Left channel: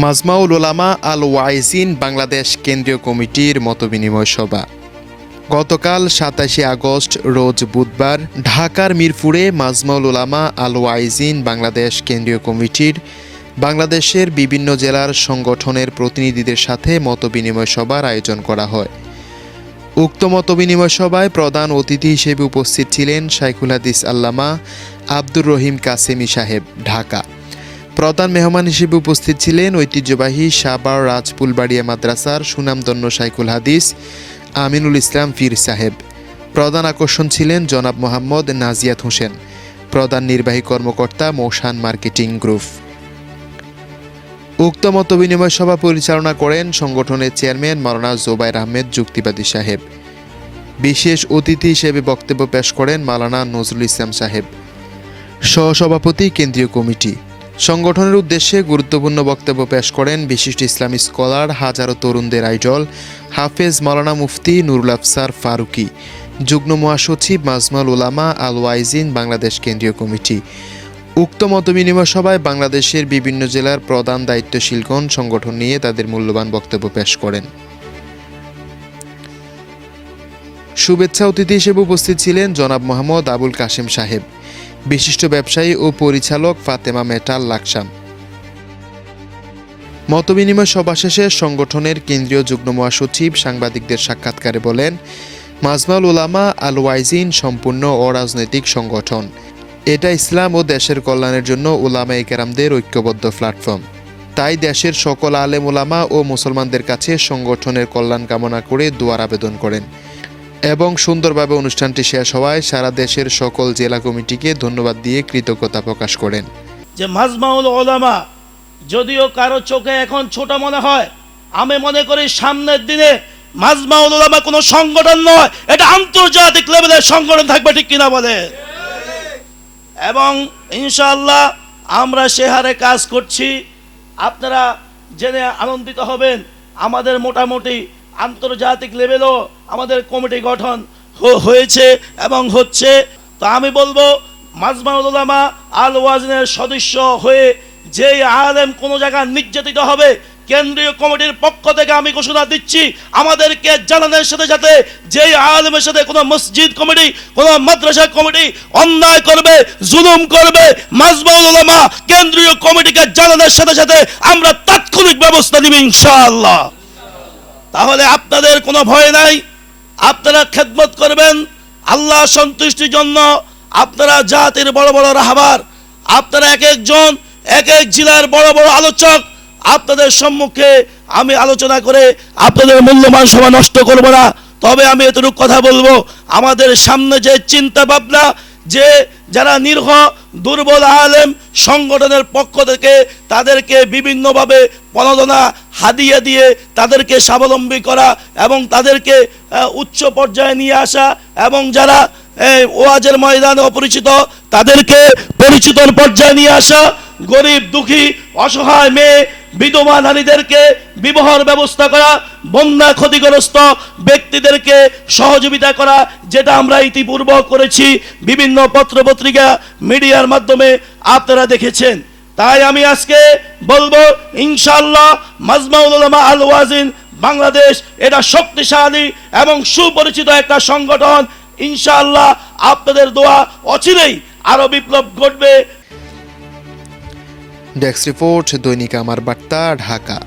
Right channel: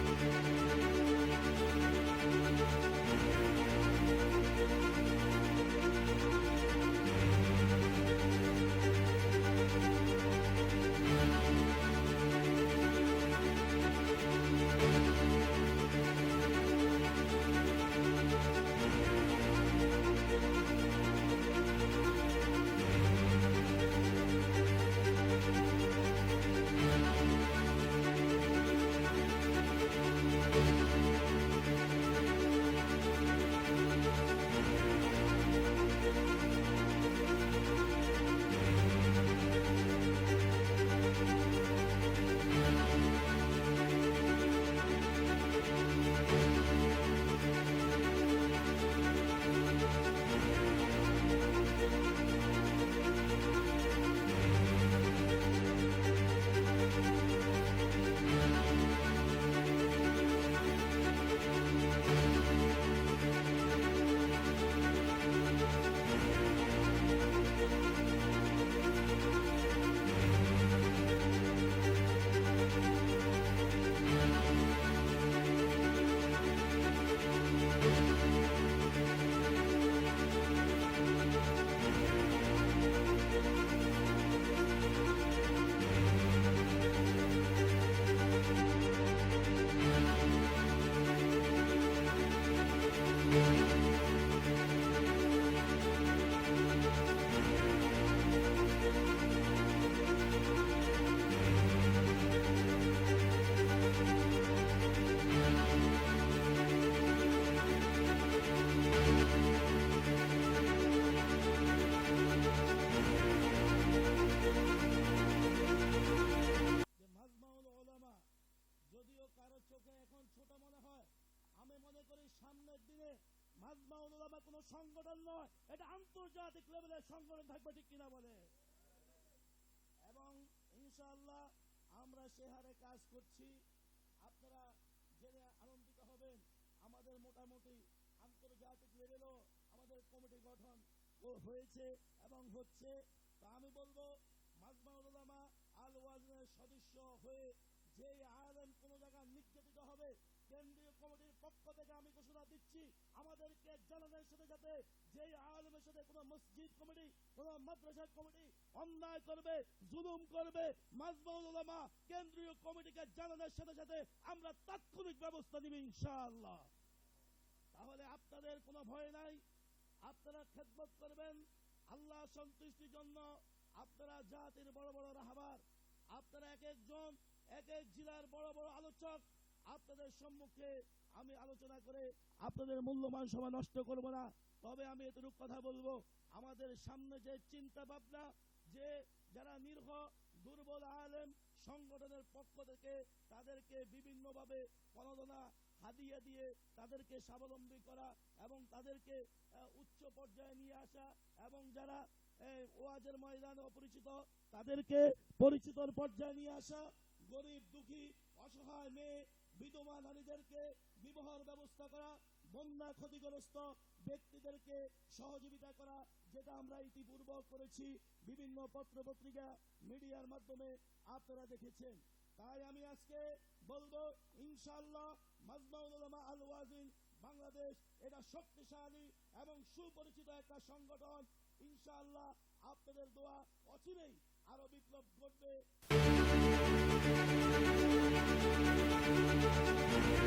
মাজমাউল উলামা আল ওয়াইজিন বাংলাদেশ কেন্দ্রীয় কমিটির মতবিনিময় সভা গতকাল ২৭ আগস্ট রোজ বুধবার ঢাকার মিরপুরে মাজমাউল উলামা আল ওয়াইজিন বাংলাদেশ কেন্দ্রীয় কমিটির বাংলাদেশের বিভিন্ন জেলার সংগঠনের প্রতিনিধিদের সাথে মতবিনিময় সভার আয়োজন করা হয়। উক্ত মতবিনিময় সভায় প্রধান অতিথি হিসেবে উপস্থিত ছিলেন শাইখুল হাদিস আল্লামা আব্দুর রহিম কাসেমি সাহেব, ঢাকা। প্রধান মেহমান হিসেবে উপস্থিত ছিলেন ঐতিহ্যবাহী সাভার রাজপুলবাড়িয়া মাদ্রাসার সুনামধন্য শাইখুল হাদিস আমিনুল ইসলাম পীর সাহেব। প্রধান আকর্ষণ ছিলেন জনাব মোহাম্মদ নাজিয়াত হোসেন, প্রধান নির্বাহী কর্মকর্তা মৌসান মার্কেটিং গ্রুপ। উক্ত মতবিনিময় সভা পরিচালনা করেন সংগঠনের চেয়ারম্যান মাওলানা জোবায়ের আহমেদ যুক্তিবাদী সাহেব। বিশেষ অতিথি হিসেবে বক্তব্য পেশ করেন মাওলানা নজরুল ইসলাম সাহেব, সহসভাপতি কেন্দ্রীয় কমিটি। সংগঠনের উদ্দেশ্যে গুরুত্বপূর্ণ বক্তব্য পেশ করেন বিশিষ্ট ইসলামী স্কলার, হাজারো তরুণদের আইডল হাফেজ মাওলানা মুফতি নুরুল আফসার ফারুকী, যুগ্ম মহাসচিব মাজমাউল উলামা আল ওয়াইজিন বাংলাদেশ কেন্দ্রীয় কমিটি। উক্ত মতবিনিময় সভায় বাংলাদেশের বিভিন্ন জেলার প্রধান দায়িত্বশীলগণ সংগঠন নিয়ে তাদের মূল্যবান বক্তব্য পেশ করেন। শুভেচ্ছা অতিথি হিসেবে উপস্থিত ছিলেন জনাব মোহাম্মদ আবুল কাশেম সাহেব, বিশিষ্ট ব্যবসায়ী ও পরিচালক ফাতেমা মেটাল লাকসাম। মতবিনিময় সভা শেষে সংগঠনের কেন্দ্রীয় যুগ্ম মহাসচিব সাংবাদিকদের সাক্ষাৎকারে বলেন, মাজমাউল উলামা আল ওয়াইজিন সম্পূর্ণ অরাজনৈতিক সংগঠন। এটা ইসলাম ও দেশের কল্যাণের জন্য উলামায়ে কেরামদের ঐক্যবদ্ধ প্ল্যাটফর্ম। তাই দেশের সকল আলেম উলামা ও মুসলমানদের কাছে সংগঠনের কল্যাণ কামনা করে দোয়ার আবেদন করেন এবং সুন্দরভাবে অনুষ্ঠানটি শেষ হওয়ায় সারা দেশের সকল জেলা কমিটিকে ধন্যবাদ দিয়ে কৃতজ্ঞতা প্রকাশ করেন। যে মাজমাউল উলামা যদিও কারো চোখে এখন ছোট মনে হয়, আমি মনে করি সামনের দিনে মাজমাউল উলামা কোনো সংগঠন নয়, এটা আন্তর্জাতিক লেভেলের সংগঠন থাকবে, ঠিক কিনা বলে? এবং ইনশাআল্লাহ আমরা সে হারে কাজ করছি। আপনারা জেনে আনন্দিত হবেন, আমাদের মোটামুটি আন্তর্জাতিক লেভেলও আমাদের কমিটি গঠন হয়েছে এবং হচ্ছে। তো আমি বলবো মাজমাউল উলামা আল ওয়াজিনের সদস্য হয়ে যেই আলেম কোনো জায়গায় নির্যাতিত হবে, কেন্দ্রীয় কমিটির পক্ষ থেকে আমি ঘোষণা দিচ্ছি, আমাদেরকে জানানোর সাথে সাথে যেই আলেমের সাথে কোনো মসজিদ কমিটি, কোনো মাদ্রাসা কমিটি অন্যায় করবে, জুলুম করবে, মাজমাউল উলামা কেন্দ্রীয় কমিটিকে জানানোর সাথে সাথে আমরা তাৎক্ষণিক ব্যবস্থা নিব ইনশাআল্লাহ। তাহলে আপনাদের কোনো ভয় নাই, আপনারা খেদমত করবেন আল্লাহ সন্তুষ্টির জন্য। আপনারা জাতির বড় বড় রাহবার, আপনারা এক একজন এক এক জেলার বড় বড় আলোচক, আপনাদের সম্মুখে আমি আলোচনা করে আপনাদের মূল্যবান সময় নষ্ট করব না। তবে আমি এতটুকু কথা বলবো, আমাদের সামনে যে চিন্তা ভাবনা, যে যারা নিরীহ দুর্বল আলেম সংগঠনের পক্ষ থেকে তাদেরকে বিভিন্নভাবে প্রণোদনা হাদিয়া দিয়ে তাদেরকে স্বাবলম্বী করা এবং তাদেরকে উচ্চ পর্যায়ে নিয়ে আসা, এবং যারা ওয়াজের ময়দানে অপরিচিত তাদেরকে পরিচিত পর্যায়ে নিয়ে আসা, গরিব দুঃখী অসহায় মেয়ে বিধবা নারীদেরকে বিবাহর ব্যবস্থা করা, বন্যা ক্ষতিগ্রস্ত ব্যক্তিদেরকে সহযোগিতা করা, যেটা আমরা ইতিপূর্বে করেছি বিভিন্ন পত্রপত্রিকা মিডিয়ার মাধ্যমে আপনারা দেখেছেন। তাই আমি আজকে বলবো ইনশাআল্লাহ মাজমাউল উলামা আল ওয়াজিন বাংলাদেশ এটা শক্তিশালী এবং সুপরিচিত একটা সংগঠন। ইনশাআল্লাহ আপনাদের দোয়া অচিরেই আরো বিপ্লব ঘটবে। ডেস্ক রিপোর্ট, দৈনিক আমার বার্তা, ঢাকা।